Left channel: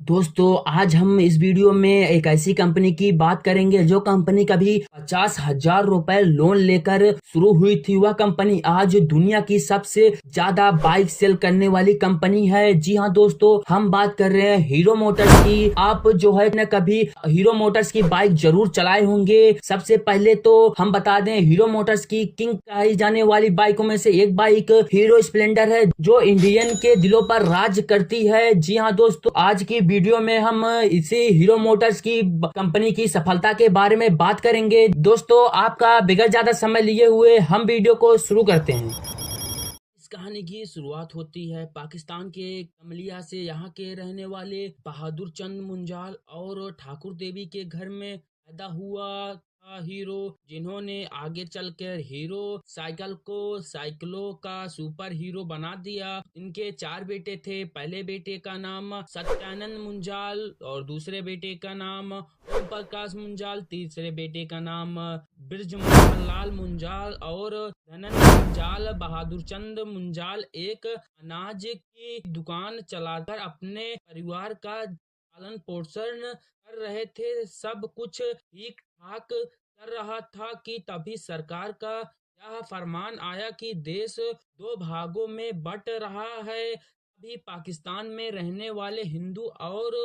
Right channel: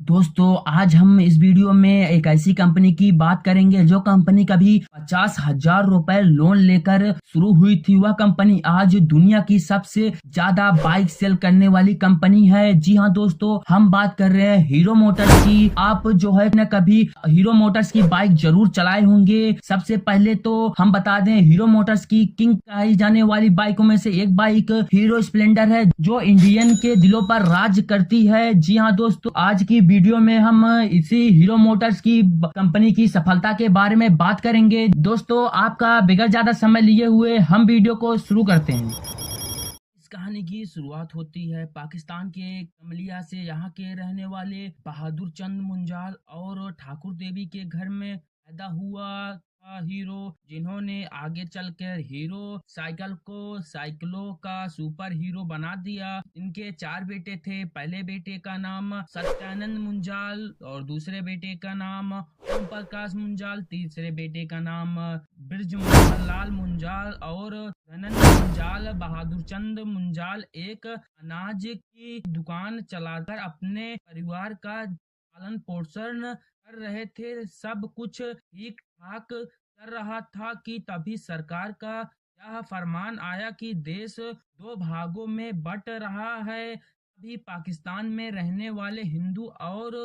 दोस्तों आज हम इस वीडियो में एक ऐसी कंपनी की बात करेंगे जो कंपनी कभी 50,000 रुपए लोन लेकर शुरू हुई थी। वह कंपनी आज दुनिया की सबसे ज्यादा बाइक सेल करने वाली कंपनी है। जी हाँ दोस्तों, हम बात कर रहे हैं हीरो मोटर्स की। आप जो है ना कभी हीरो मोटर्स की बाइक जरूर चलाए होंगे। सबसे पहले तो हम बता दें, हीरो मोटर्स की किंग कही जाने वाली बाइकों में से एक बाइक हीरो स्प्लेंडर है जो इंडियन के दिलों पर राज करती है। जी हाँ दोस्तों, आज की वीडियो में हम इसी हीरो मोटर्स की कंपनी की सफलता के बारे में बात करेंगे। दोस्तों आपका बगैर ज्यादा समय लिए हुए हम वीडियो को शुरू करते हैं। इस कहानी की शुरुआत होती है पाकिस्तान के कमलिया से। यहाँ के रहने वाले बहादुर चंद मुंजाल और ठाकुर देवी के घर में पैदा हुआ था हीरो, जिन्होंने आगे चलकर हीरो साइकिल को साइकिलों का सुपर हीरो बना दिया। इनके चार बेटे थे। पहले बेटे का नाम सत्यानंद मुंजाल और दूसरे बेटे का नाम ओम प्रकाश मुंजाल, तीसरे बेटे का नाम ब्रजमोहन लाल मुंजाल और धनंद मुंजाल। बहादुर चंद मुंजाल एक अनाज की दुकान चलाकर अपने परिवार का पालन पोषण कर रहे थे। सब कुछ ठीक ठाक चल रहा था कि तभी सरकार का यह फरमान आया कि देश दो भागों में बंट रहा है। अभी पाकिस्तान में रहने वाले हिंदू और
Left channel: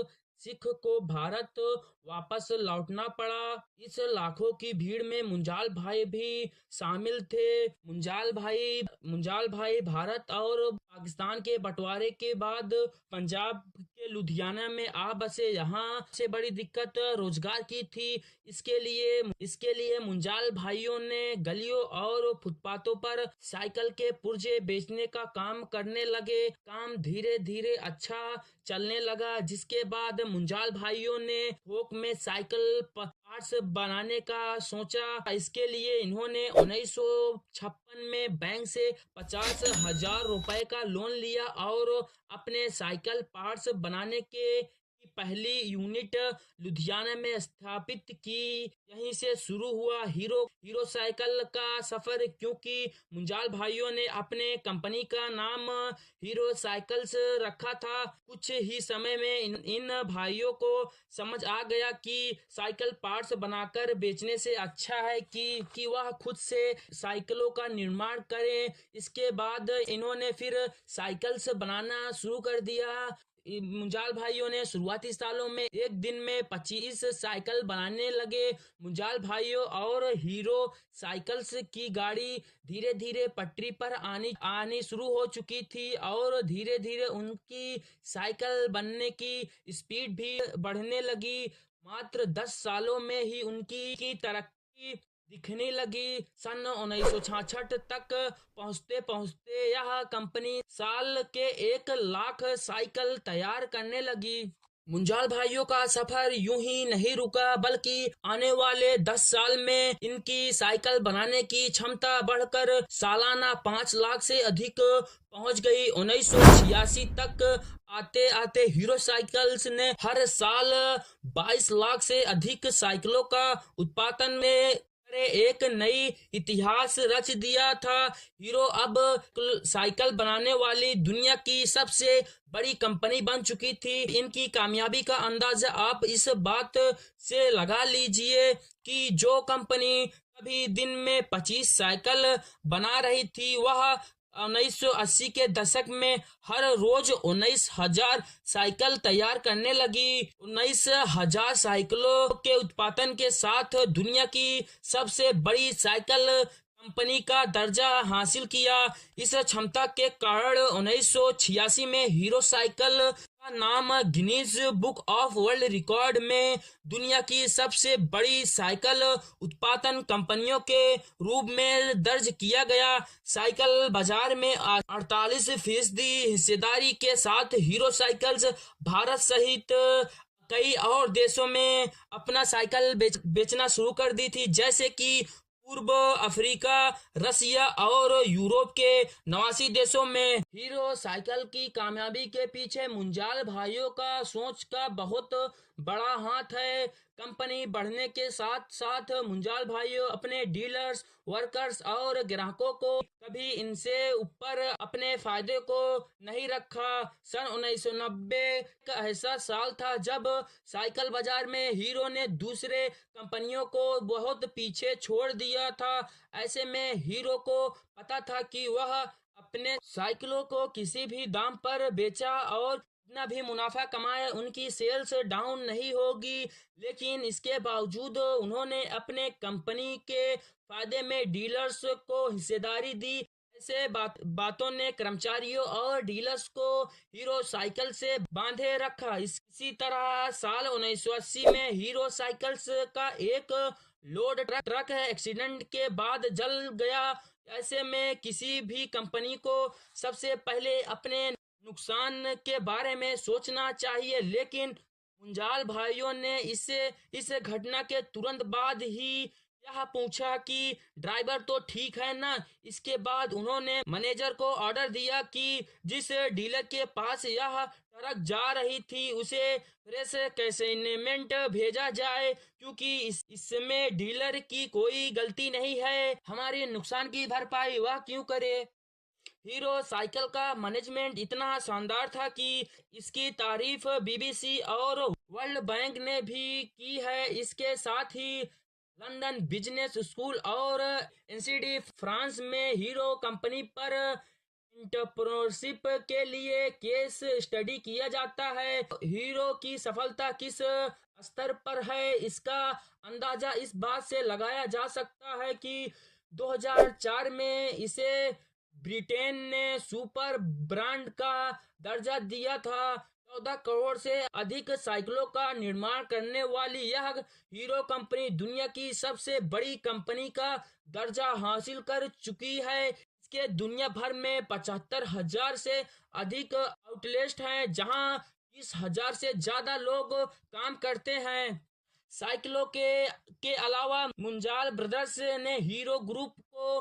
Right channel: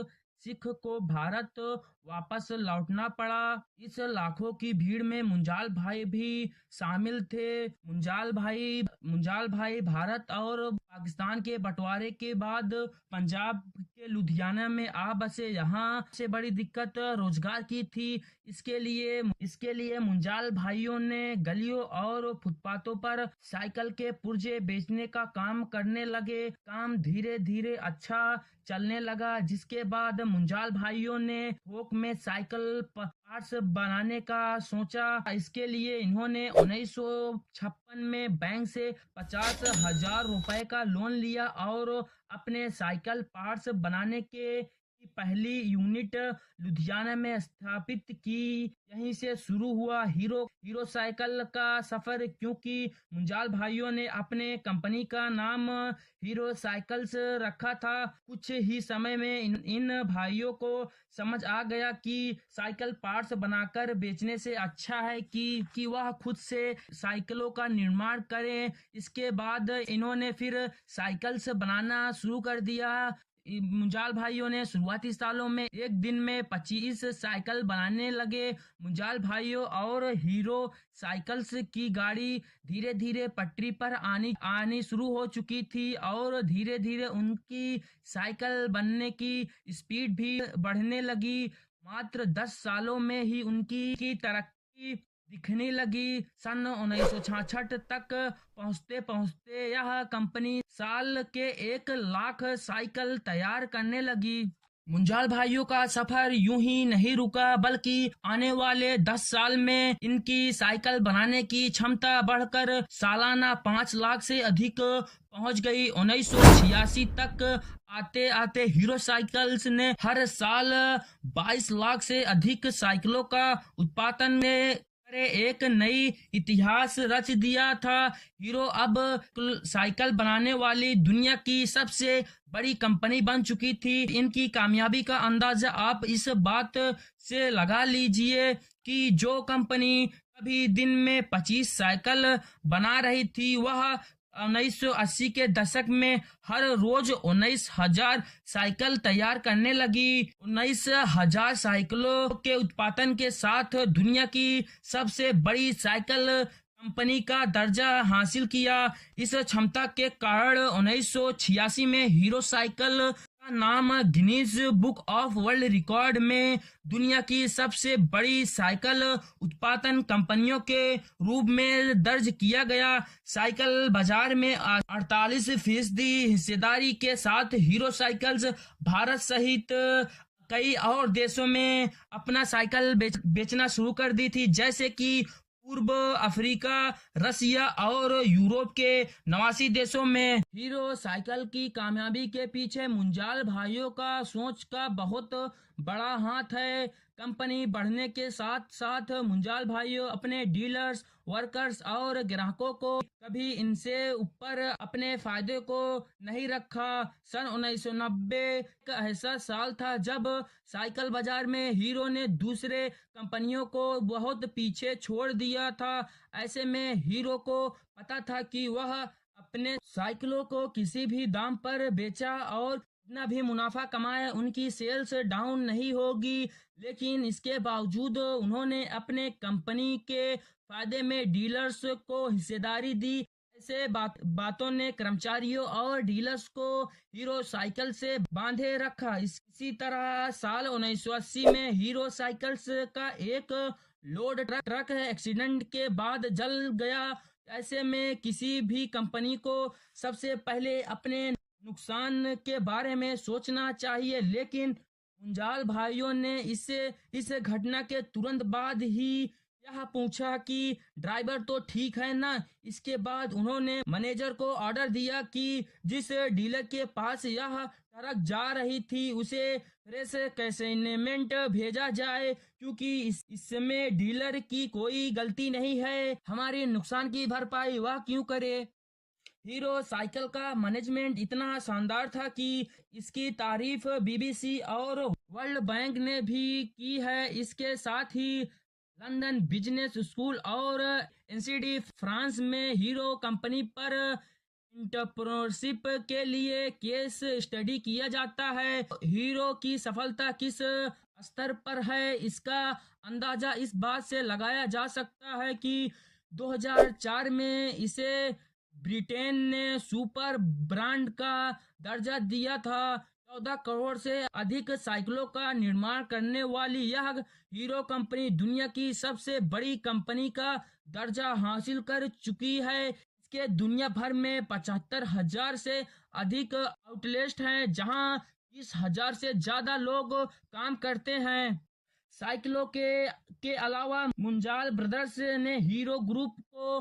सिख को भारत वापस लौटना पड़ा। इस लाखों की भीड़ में मुंजाल भाई भी शामिल थे। मुंजाल भाई भारत और पाकिस्तान के बंटवारे के बाद पंजाब के लुधियाना में आ बसे। यहाँ से बड़ी दिक्कत रोजगार की थी। इसके लिए मुंजाल भाइयों ने गलियों और फुटपाथों पर साइकिल के पुर्जे बेचने का काम करने लगे। काम धीरे धीरे अच्छा चलने लगा, जिसके बाद मुंजाल भाइयों ने थोक में साइकिल पार्ट्स बनाने का सोचा। इसके लिए इन्होंने 1956 में बैंक से 50,000 रुपए का लोन लिया और अपने साइकिल पार्ट्स बनाने के की पहली यूनिट लुधियाना में स्थापित की। यहीं से शुरू हुआ हीरो साइकिल का सफर, क्योंकि मुंजाल भाइयों ने अपने कंपनी का नाम हीरो साइकिल्स रखा था। कुछ ही समय में इन भाइयों को समझ आ गया कि साइकिल पार्ट्स बनाकर बेचने से अच्छा है कि वह खुद से साइकिलों का निर्माण करें। इसके बाद इन्होंने फिर साइकिल्स बनाना शुरू कर दिया। मुंजाल भाइयों ने शुरुआती सालों में एक दिन में 25 साइकिल बनाने लगे। मुंजाल भाइयों और हीरो साइकिल्स की गाड़ी धीरे धीरे पटरी पर आनी शुरू हो चुकी थी और धीरे धीरे उनकी साइकिल बनने की स्पीड भी बढ़ने लगी। मात्र 10 सालों में ही उनकी तरक्की दिखने लगी। सन 1966 तक पहुंचते पहुंचते यह कंपनी साल के 1 लाख साइकिल तैयार करने लगी। मुंजाल भाइयों का सफर यूं ही नहीं रुका, बल्कि आने वाले 10 साल में इनकी साइकिल बनाने की क्षमता बढ़कर सालाना 5 लाख से अधिक पहुंच गई। 1986 तक आते आते हीरो साइकिल्स ने हर साल 22 लाख से अधिक साइकिलों का उत्पादन में एक नई इतिहास रच दिया था। हीरो अब साइकिल बनाने वाली दुनिया की सबसे बड़ी कंपनी बन चुकी थी। इनकी कामयाबी का अंदाजा आप इस बात से लगा लीजिए कि जो कंपनी कभी दिन में 25 साइकिल बना रही थी, वह 1980 के दशक में हर रोज 19,000 साइकिल तैयार करने लगी। 19,000 साइकिलों के उत्पादन के साथ दुनिया की सबसे बड़ी साइकिल कंपनी का दर्जा हासिल किया। इस क्षमता के कारण 1986 में हीरो साइकिल का नाम Guinness book of world record में दुनिया की सबसे बड़ी साइकिल उत्पादन कंपनियों के रूप में दर्ज किया गया। साइकिल बाजार में 48% हिस्सेदारी के साथ हीरो साइकिल्स भारत सहित कई और देशों में अपना साइकिल बेचना शुरू कर दी थी, जैसे कि पूर्व अफ्रीका, रसिया और यूरोप के 89 देशों में। हीरो साइकिल की कामयाबी के पीछे मुंजाल भाइयों का सोच का बहुत बड़ा हाथ है। कंपनी बढ़ने के साथ साथ मुंजाल भाइयों अपने डीलर्स वर्कर्स और ग्राहकों को कभी इनसे ऊपर अपने फायदे को नहीं रखा। सन 1990 का ऐसा साल था जब साइकिल बाजार में हीरो ने दूसरे कंपनियों को बहुत पीछे छोड़ दिया था। ऐसे में हीरो को पता था कि वह अपने साइकिलों को किसी भी दाम पर बेचा और जितना भी मुनाफा कमाए उनकी सेल्स डाउन नहीं होगी। लेकिन इसके बावजूद उन्होंने अपने कंपनी के फायदे में डीलर्स को हिस्सेदारी दी। ऐसे बातों ने कर्मचारियों और डीलर्स को हीरो साइकिल से बांधे रखा। इसी तरह साल 1980 में हीरो साइकिल्स का एक लोड ट्रक एक्सीडेंट के बाद जल गया। ऐसे में किसी भी कंपनी को सबसे पहले अपने नुकसान के बारे में सोचना चाहिए। लेकिन मुंजाल भाइयों ने इस घटना के तुरंत बाद ही यह पूछा कि ड्राइवर तो ठीक है ना। इसके बाद उन्होंने मैनेजर को ऑर्डर दिया कि जिस डीलर के पास यह ट्रक जा रही थी उसे फ्रेश कंसाइनमेंट भेजा जाए, क्योंकि इसमें डीलर की कोई गलती नहीं है। हमारे नुकसान की भरपाई वह क्यों करे। हीरो साइकिल का मैनेजमेंट इतना शानदार था कि इसकी तारीफ बीबीसी और वर्ल्ड बैंक ने भी की है। इसके साथ ही लंदन बिजनेस स्कूल और एनसीडी फ्रांस में हीरो कंपनी पर एंटरप्रेन्योरशिप के लिए केस स्टडी किया जाता है। हीरो की सफलता किस स्तर पर है इसका अंदाजा इस बात से लगाया जा सकता है कि 2004 में इसे ब्रिटेन ने सुपर ब्रांड का दर्जा दिया था। 14 करोड़ से अधिक साइकिलों का निर्माण करने वाली यह हीरो कंपनी दुनिया की सबसे बड़ी कंपनी का दर्जा हासिल कर चुकी है। इसके दुनिया भर में 75,000 से अधिक आउटलेट हैं, जहां 30,000 से ज्यादा लोग काम करते हैं। साइकिलों के अलावा मुंजाल ब्रदर्स ने हीरो ग्रुप को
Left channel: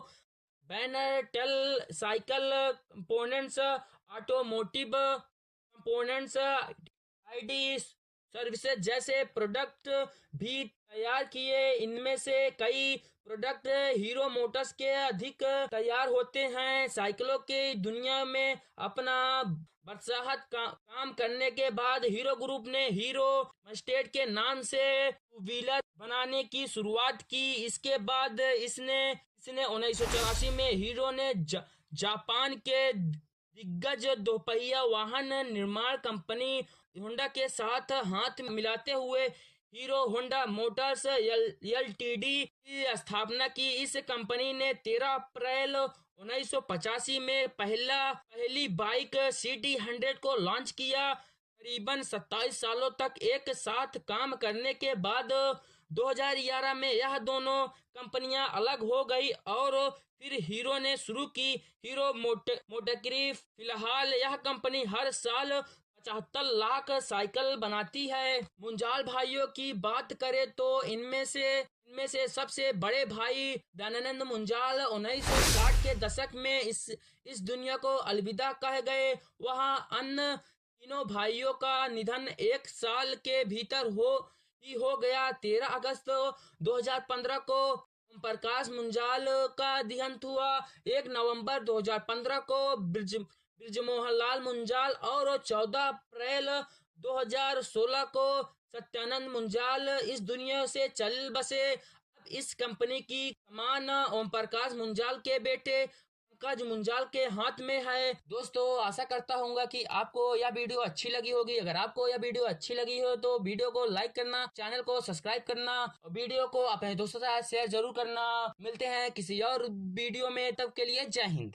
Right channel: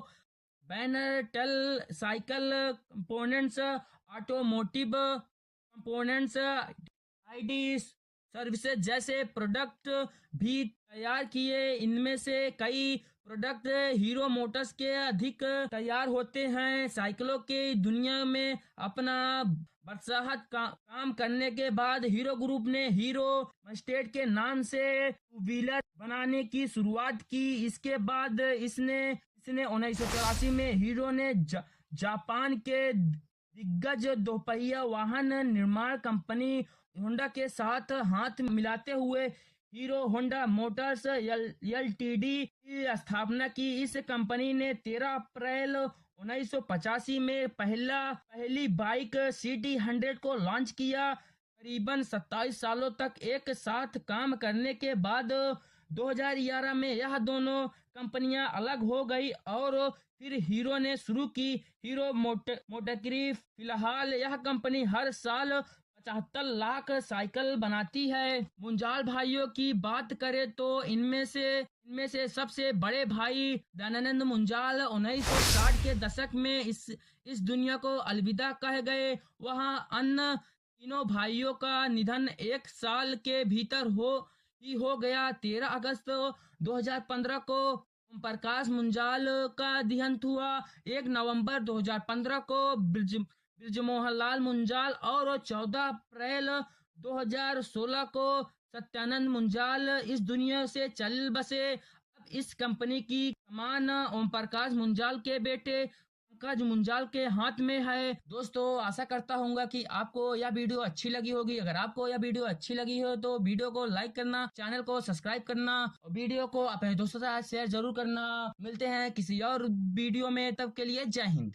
बैनर, टेल, cycle components, automotive components, ID services जैसे प्रोडक्ट भी तैयार किए। इनमें से कई प्रोडक्ट हीरो मोटर्स के अधिक तैयार होते हैं। साइकिलों के दुनिया में अपना बरसाहत काम करने के बाद हीरो ग्रुप ने हीरो मस्टेड के नाम से टू व्हीलर बनाने की शुरुआत की। इसके बाद इसने 1984 में हीरो ने जापान के दिग्गज दोपहिया वाहन निर्माण कंपनी होंडा के साथ हाथ मिलाते हुए हीरो होंडा मोटर्स एलटीडी की स्थापना की। इस कंपनी ने 13 अप्रैल 1985 में पहली बाइक CT100 को लॉन्च किया। करीबन 27 सालों तक एक साथ काम करने के बाद 2011 में यह दोनों कंपनियां अलग हो गई और फिर हीरो ने शुरू की हीरो मोटरकरी। फिलहाल यह कंपनी हर साल 75 लाख साइकिल बनाती है। मुंजाल भाइयों की बात करें तो इनमें से सबसे बड़े भाई दयानंद मुंजाल 1960 के दशक में इस दुनिया को अलविदा कह गए। वहाँ अन्य तीनों भाइयों का निधन एक साल के भीतर हो गया। 13 अगस्त 2015 को ओम प्रकाश मुंजाल का देहांत हुआ। 1 नवंबर 2015 को ब्रिजमोहन लाल मुंजाल और 14 अप्रैल 2016 को सत्यानंद मुंजाल इस दुनिया से चल बसे। अब इस कंपनी की कमान ओम प्रकाश मुंजाल के बेटे पंकज मुंजाल के हाथ में है। दोस्तों, आशा करता हूँ कि आपको यह वीडियो अच्छी लगी होगी। अगर आपको यह वीडियो अच्छी लगी हो तो वीडियो को लाइक करना, चैनल को सब्सक्राइब करना और वीडियो को अपने दोस्तों के साथ शेयर जरूर करना। मिलते हैं किसी और वीडियो में, तब के लिए जय हिंद।